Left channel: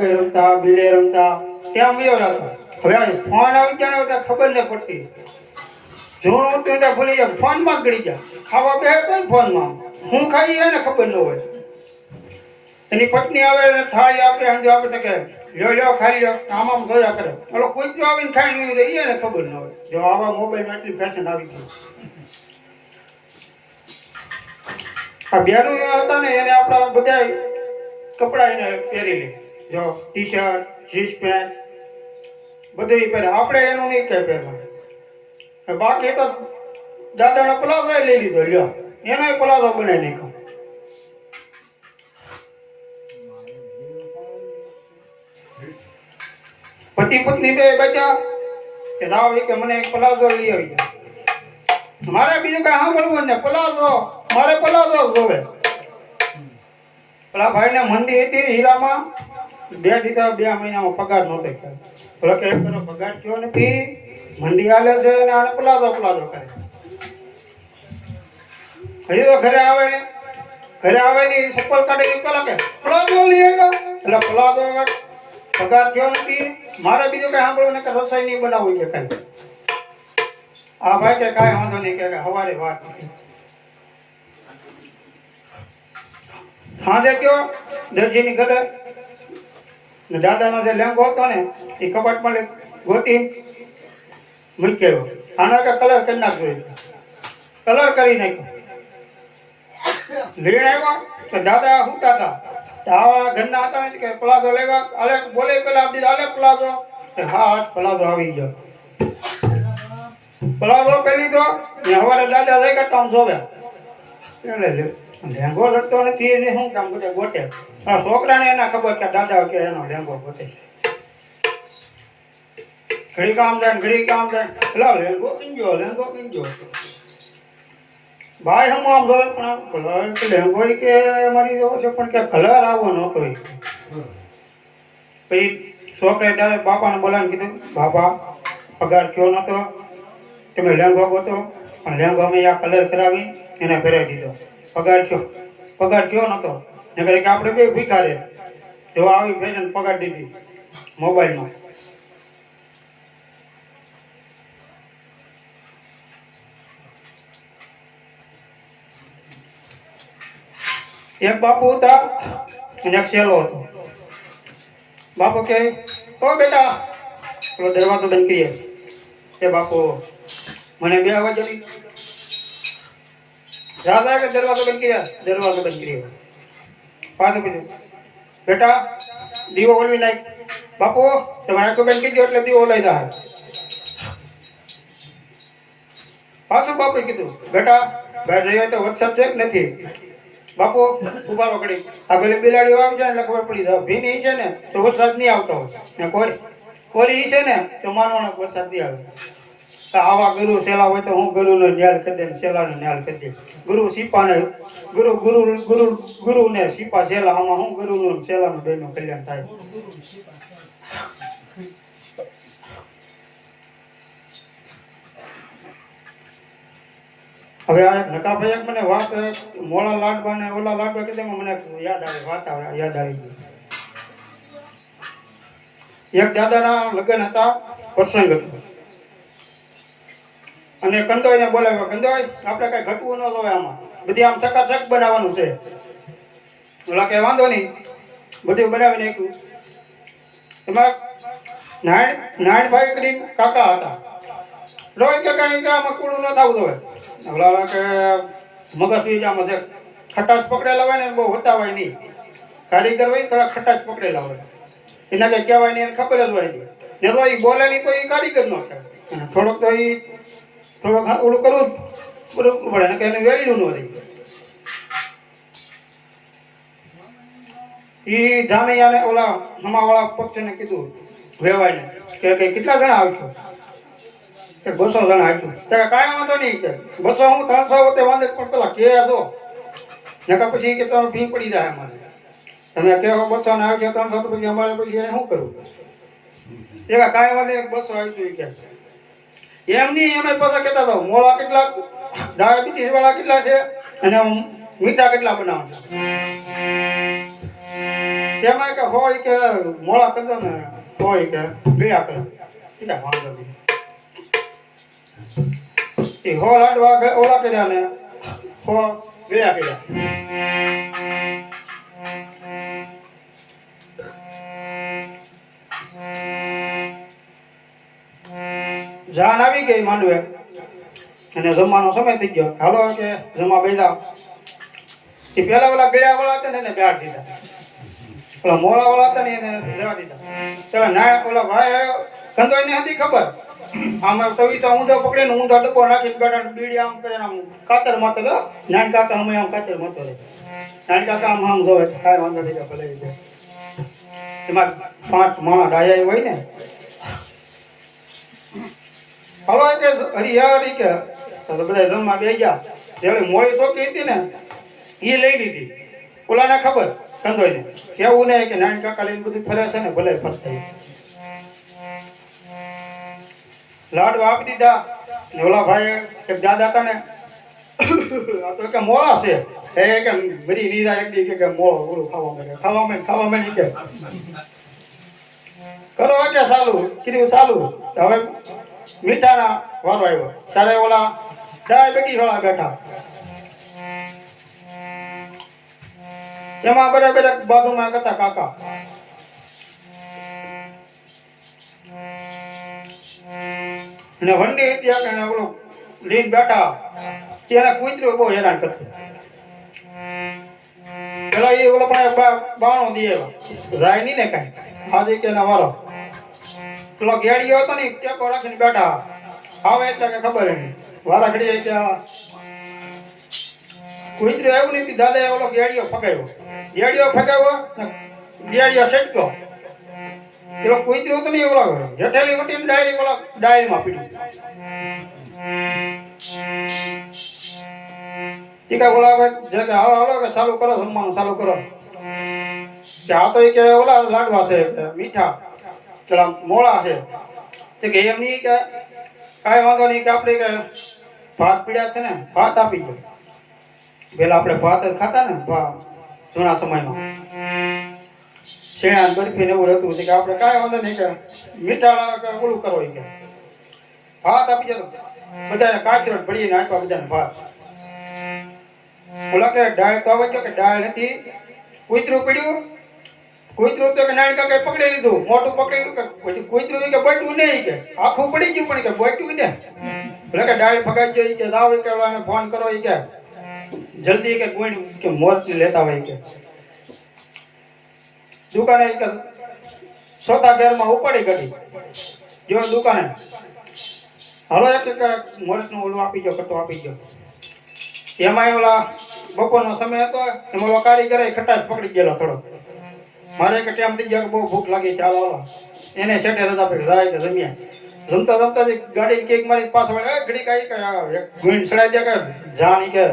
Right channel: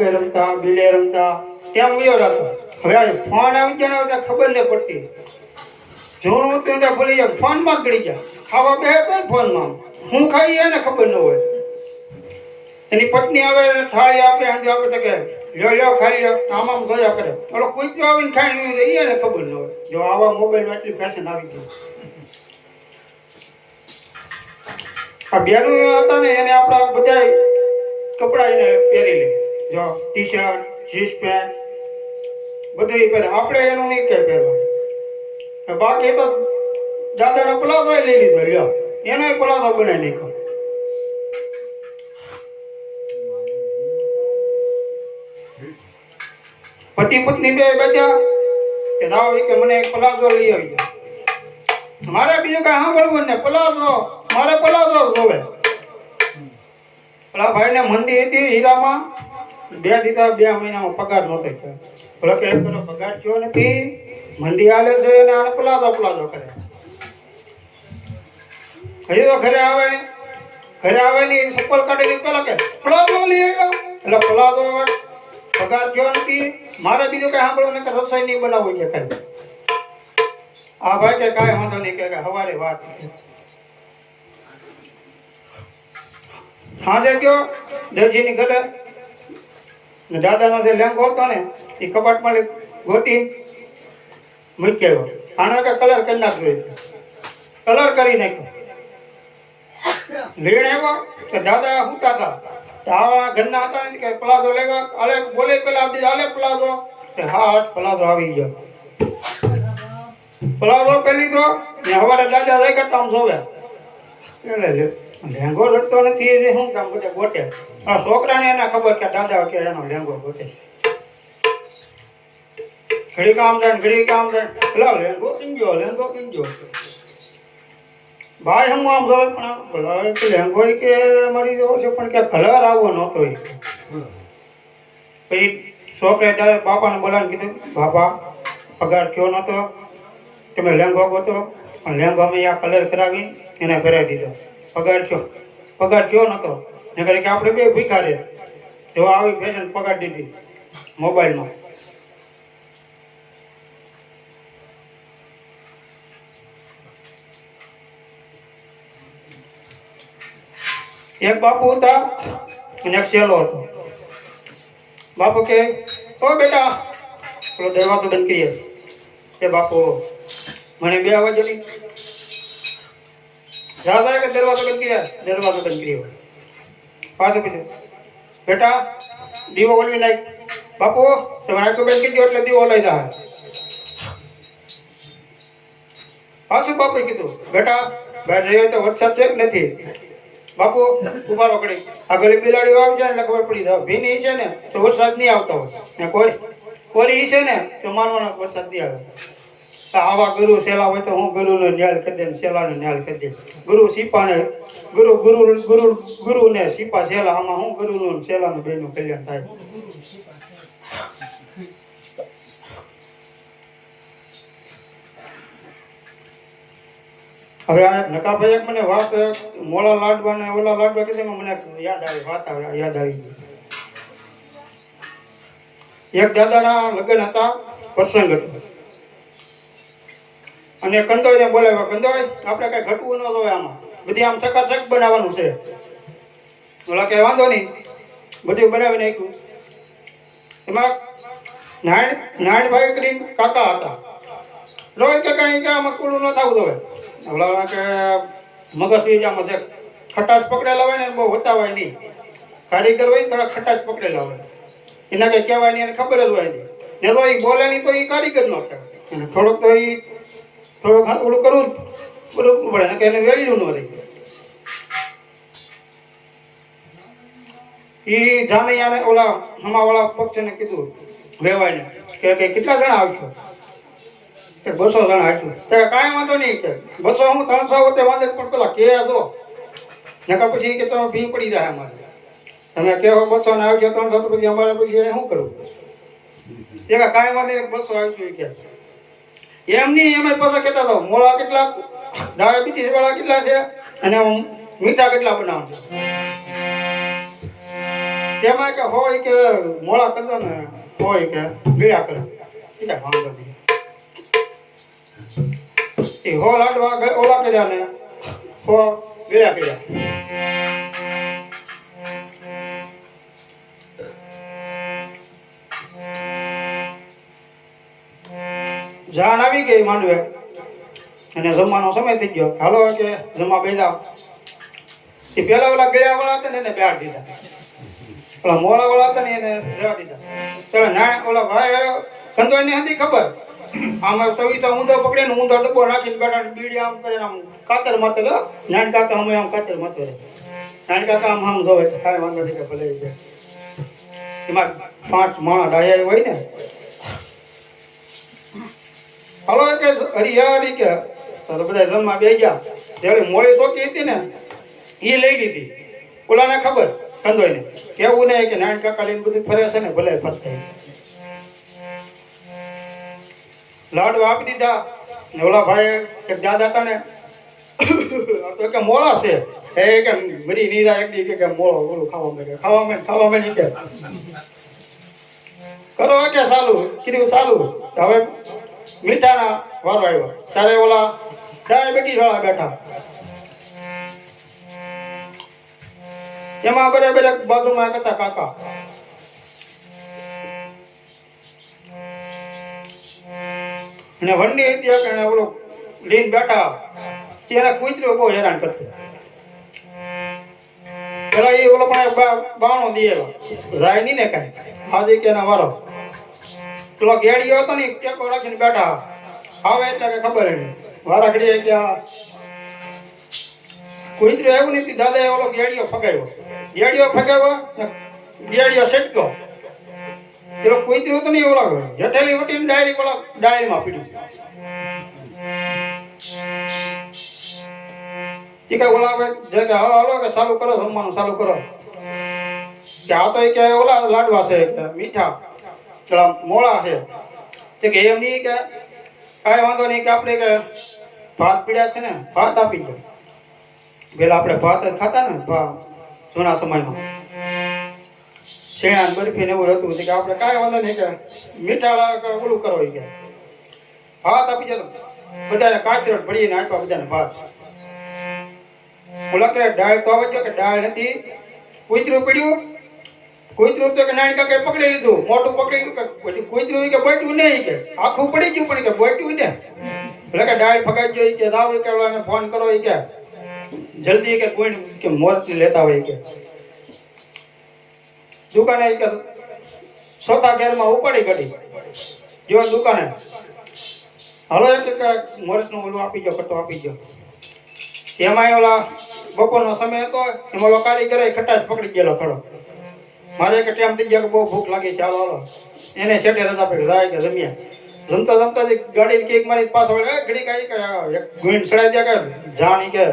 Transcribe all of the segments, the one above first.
આગળ રમતા બિલે રમતા ત્યાં વયો જતો. હવે ફોન આવી ગયા ને ખબર ન પડતી. જોણું હતું ત્યાં ભૂલી જાય, ફોનમાં ગળી જાય. ખાવા બે તો ફોનમાં હું ખાઈ એને ખબર ન હોય. એની પત્ની આવે ને થાળી આપે હાંજે આપે તો કે લ્યો ખાઈ લ્યો, આમ જોયા કરે. ઓલો કૂતરો આવીને ખાઈ નહીં તો એને ખબર ન હોય. જો આવા મોબાઈલમાં એટલી ફેશન આવી ગઈ. આ બેરું હતા ને એને આપણા બધા કપડાં એને પહેરી લે. જો ટી શર્ટ જીન્સ પેન્ટ બધું પહેરે. આપણે એનું નહીં કે પહેરવા. બાકી તો દાદાનો પલાઝો લઈ લીધો, લ્યો એનો પલાઝો બનાવી નાખ્યો. પતિ પત્ની બે બેઠા કે લાવ કે મને એક પલાઝો લઈ આવી જાય. મારે બીજું કઈ સાંભળવું ને, પલાઝો મારે પલાઝો જોવે. પેલા ભાઈને મંદી હતી હીરામાં, 2 મહિનામાં પગાર નહોતો થયો. પેલો કે પેલો પગાર થયો નથી, મંદી હાલે છે અને આને પલાઝો કરે. હજી તો ઘરે આવે ને ચપ્પલ કાઢેલી પેલા કે પલાઝો લઈ આવ્યો. એટલે પલાઝો પગાર થયો નથી, મારે બીજું કઈ સાંભળવું ને કે રસોઈ નહીં બનાવવું કે કઈ. આ ભાઈ કે કાંઈ વાંધો નહીં કે હવારે વાત સાંજે ગયો દરજીની ઘરે. દાદાનો જે લેંગો હતો ને એ કપાટમાં ગોતી મૂકી આવ્યો. આના કે કલર કરી નાખ્યો, કલર કરી નાખ્યો. લેણ આવ્યો તો દાદા હુતા હતા. આ ઘરના હતા ને કે પલાઝો લેવા, અરે બોલે પેલા આપી આલે પલાઝો. હા પલાઝો આવી ગયો. પલાઝો પહેલી તો હવારે દાદા લઈ કરતા આમ જોવ્યા. એટલે લેંગો લડતો નથી એટલે શું કામ બધે ગોટે. છોકરાને એના ખબર કે દાદા કે એનો લેંગો ગોટે. ઘડી કામ જાય પેલા લેંગો કિંજો. ભાઈ હું આમ જોવે પણ લેંગો કે મારી જેવો છે પણ કે કલર આવો નહોતો. પછી છોકરે ત્યારે બાપાને બોલાવીને કીધું, બાપા પગાર થયો નહોતો, તમે લેંગો ગોતો. પણ લેંગો અમે આ કલર કરાવી એને પહેરાવી દીધો. પગાર થયો નહોતો. એ કરે કે આપણે બે ભીખા રહે. જો આવી ફેશન પગાર દીધી મોબાઈલમાં. એક બાપુ હતા અને એક શેલો હતો. બાપુ કે ઓ બેટા પેલો દરવાજો બંધ કરીએ. એ બાપુ મને 2 વાગે દાદા કે દરવાજો બંધ કર્યો. પાછું કીધું બેટા દીવો ઓલવી નાખ. બાપુ તમે આંખો બંધ કરી દો એટલે દીવો ઓલાઈ જાય. પાછું બાપુએ કીધું બેટા બહાર જઈએ તો વરસાદ છે કે નથી. બાપુ ઉભારો કરી આ પેલી બિલાડીઓ આવી જાય એટલે ખબર પડી જાય. ભીની છે ને તો વરસાદ નહીં આવતો હોય, કોરી છે ને તો માનવાનો વરસાદ નહીં આવે. આવા ગુરુ સેલા હોય તો હું ગુરુનો ન્યાલ કરી દે, સેલાનો ન્યાલ કરી દે. ગુરુ ને સીપા સેલા, આમાં હું ગુરુનું સેલાનું બેનું કલ્યાણ થાય. હવે આ નકાભાઈ મને વાત મોળા લાડવા ને ઓલા લાડવા કીધે મને યાદ આવી વાત યાદ આવી. એક દાદાના લગ્ન હતા, પ્રસંગ હતો અને કંદોઈને બોલાવ્યો. કંદોઈ આપણે કઈ ઘટવું ન જોઈએ, આમાં બધી આમ ચકાચક બનાવવાનું છે. ઓલા કે વાંધો નહીં, બધું બનાવી નાખ્યું. એમાં નારાયણભાઈ કરીને કાકા હતા. રોય કે કઈ કે આમાં કુડું ન થવું જોઈએ. ઓલા કે મગજ બીજામાં જે ખટાશ પકડેલા હોય ને બહુ હોતાવાય નહીં. કારીગર હોય તો ખટાશ પકડેલા હોય, એના કઈ કહેવાય નહીં, એને ખબર જ હોય નહીં. ને તો એ બોલે નહીં તો એ કારીગર ન કહેવાય. થોડોક તો એ થોડુંક ઓલું કરવું પડે ને કે એને વેલ્યુ ન રહી. એ જાનૈયાને ઓલા હમાવાળા પક્ષને કીધું વેવાઈને કે કેટલા જણા આવશો? કે 200 જણા આવશું. તો કાંઈ વાંધો નહીં કે 200 હું 300 હોતે વાંધે પણ પેલા કે દો નકા પછી કે તમે ફી પડી જાય અમારે. તમે કેવો 200 ને આવજો 300 તો પછી અમારે પછી શું કરવું? એ કાંઈ વાંધે 200 આવશું કે એમ નહીં. અમે પાછા કહેતા હતા મોળા કેટલા, ડાયાબિટીસ વાળા કેટલા છે અને મીઠા કેટલા બનાવશે. તેમાં કે હોય કે મોળા કરી દો ને હોય કે ગળ્યા કરે ઠીક છે વાંધો નહીં એ હો લાડવા ઓલા કર્યા ને હો ગળ્યા કર્યા જાન આવી ગઈ માંડવે અને જમવાનો સમય થઈ ગયો હાલો કે જમવા બેઠા એ પેલા ઓલા ગયા વાળા હતા ને એને બેહાડ દીધા ઓલા મોળા વાળા હતા ને એને રહેવા દીધા ચાલો ના ઓલા ભાઈ કંદોઈ ને હતી ખબર આમાં સવિતા ઊંધો પકડે ને ઊંધો ડબ્બો નાખીને બેઠા બીડી આમ કરીને આમ કાતર માતર નાની કાકા અમે આમ કાતર માતર નાની કાકા આમ જોવે કાંઈ વાંધો નહીં ભલે એમાં 5 માણસ ડાયા હોય ને હવે કે હરિયાળી કે તો બધા જમવા બે ગયા જેવી મોડી છોકરી હતી ને એ લઈ લીધી ઓલાને ખબર કંદોઈને કેવું નહીં કે નાની કાકા લઈને બધી ફરે છે ને ભલે ફરતા લાડુ આપી દીધા ને ઓલા ભાઈ એક દાદા હતા ને તો કે મોળા છે એ કે બધી નીરા એક દી કે મોળો ઓલું ખાવા માંડે કે કરો કે ચાલુ કીધું ચાલુ હવે મીઠાના વારો આવ્યો ત્યારે ઓલા ડાયાબિટીસ વાળા બેઠા એમાં બરાબર એક બાજુમાં હતા કાકા ને વંડી ત્યાં કે ઓલો લીન બેઠા ત્યારે કૂતરો બહુ હેરાન કરતો પેલા એ ઓલો પણ બાણો દીએલો રાય નહીં ને કાંઈ આજે કે ના વારો પેલો ગેડીયો હતો ને ટેકો રાખીને બેઠા આવે એટલે કે ખબર નહીં વારા ઘડીએ કે કૂતરો એવું નથી દાદાએ ઓલો ગેડીયો ફગાવ્યો ને ગેડીયો છટક્યો પેલો કૂતરો તો નહીં ઓલા જટેલી ઉઠીને ડાયરી ઓલા ડાયરીમાં પીડ્યું એ કઈ ઓલા જે કે હાલો કે ચાલુ કરો જમવાનું ચાલુ કરો કે આ તો કે ઓલા લાડવા છે મીઠા પેલા મોળા છે કે એમ નહીં કે કાંઈ વાંધો નહીં કે આપણે કે ભાત પીડ્યા છે ને ભાત આપી દો પેલા આપણે ભાત જ ખાતા ને જૂના સમયમાં શેણા બરફી ને એવું હતું કે આપણે કાંઈ વાંધો નહીં કે મીઠા ઓલું કરો કે ભાત આપી જતો બધાને કાચરોટ ભરીને આપ્યા બધાને ભાત ઓલા કે ડાળ તો આવે કે ડાળ નથી કૂતરું પડ્યું કૂતરું તો કે નાની કાકાએ પકડી લીધું મોટું પકડી લીધું કે પછી કૂતરું કે બટ્યું નહીં કે આખું પડી ગયું પણ કે બટ્યું ને એટલે કે ડાળ ફગાઈ ગઈ કે દાવ કે ઓલાને ફોન કરો કે જલ્દી કે કોઈ કે મોરથી લેતા હોય કે દુકાને કે સોતા બેરમાં ઉપાડી ગઈ જો દુકાને હાલો એક કે મોરસનું ઓલું આપી ગયો કટો આપી ગયો એમાં ઓલા બપોરનો સમય હતો એમાં ઓલા કારીગરે ખટાશ પકડી ગયેલો થોડો મારે એક ટાઈમ થઈ ગયો કે બહુ ભૂખ લાગી ચાલો હાલો એને સેટે રજા પડી જાય કે જમ્યા જમતા ગાડી કેક મારી પાછો ઘડી કાંઈ કે એક ગુઈન ચડાઈ દે કે જાણી કે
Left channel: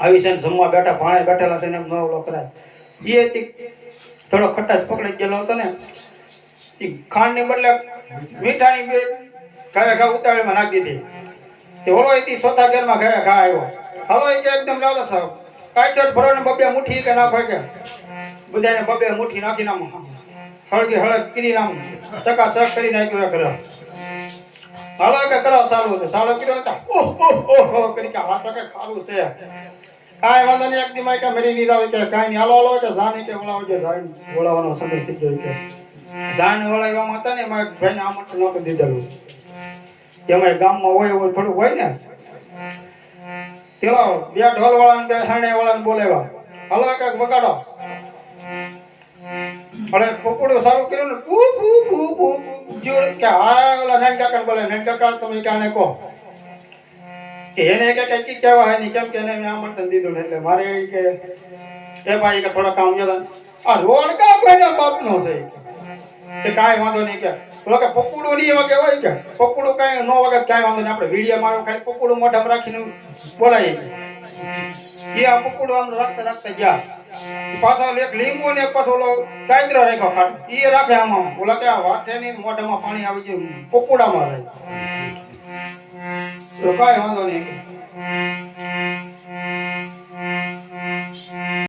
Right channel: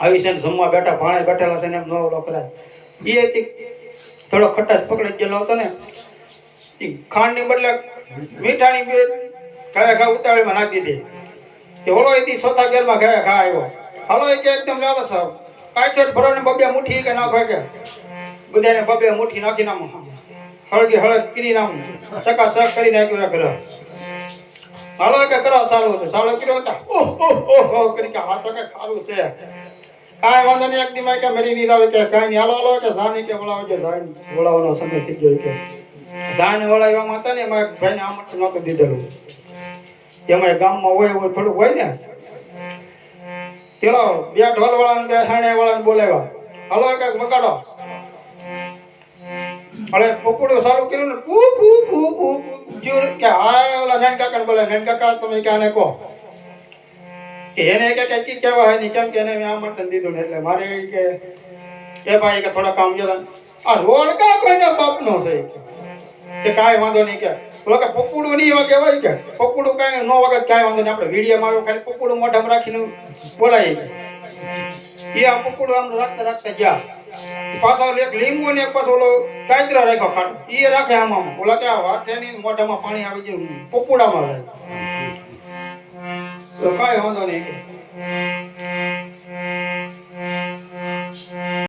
આવી છે જમવા બેઠા ભાણે બેઠેલા છે ને એમ નો કરાય એ થોડો ખટાશ પકડી ગયેલો હતો ને એ ખાંડની બદલે મીઠાની ઘા ઉતાળીમાં નાખી દીધી તે ઓલો એથી સોતા ઘેરમાં ઘા આવ્યો હાલો એ કે એકદમ લાલો સાહેબ કાચર ભરો ને બબે મુઠ્ઠી કે નાખો કે બધાને બબે મુઠ્ઠી નાખી નામ હળગી હળગ કરી નામ ચકાચક કરી નાખ્યું કરે હાલો કે કરો સારું હતું સારો કર્યો હતા ઓહો કરી કે હા તો કે ખારું છે કાંઈ વાંધો નહીં એક દીમાં કે મરી નહીં આવે કે કાંઈ નહીં હાલો કે જાની કે વળાવો છે વળાવવાનો સમય થઈ ગયો કે જાન વળાવવામાં હતા ને એમાં ભાઈને આમંત્રણ નહોતું દીધેલું એમાં ગામમાં હોય એવું થોડુંક હોય ને ચલો બે ઢોલ વાળાને બે સાણે વાળાને બોલાવ્યા હાલો એક વગાડો હવે પકડો સારું કર્યું ને ફૂ ફૂ ફૂ ફૂ જોર કે હા ઓલા નાન કાકાને બોલાય નાન કાકા તમે કે આને કહો કે એને કે કઈ કહેવા હે નહીં કેમ કે એને મેં આમંત્રણ દીધું ને એટલે મારે કે એ ભાઈ કે થોડા કામ જોતા આ રોડ કા કોઈના બાપનો છે કે કાંઈ વાંધો નહીં કે ઓલો કે પકડું નહીં એવા કહેવાય કે પકડું કાંઈ ન વગર કાંઈ વાંધો નહીં આપણે વિડીયોમાં આવ્યો ખાલી પકડું મોઢામાં રાખીને બોલાય એ આ પકડું આમ રાખતા ગયા પાછો એક લીંબુ ને એક પાછો ઓલો કાયદરો રાખ્યો ખાટ એ રાખે આમાં ઓલા કે વાટેની મોઢામાં પાણી આવી ગયું પકડામાં જાય તો કાંઈ વાંધો નહીં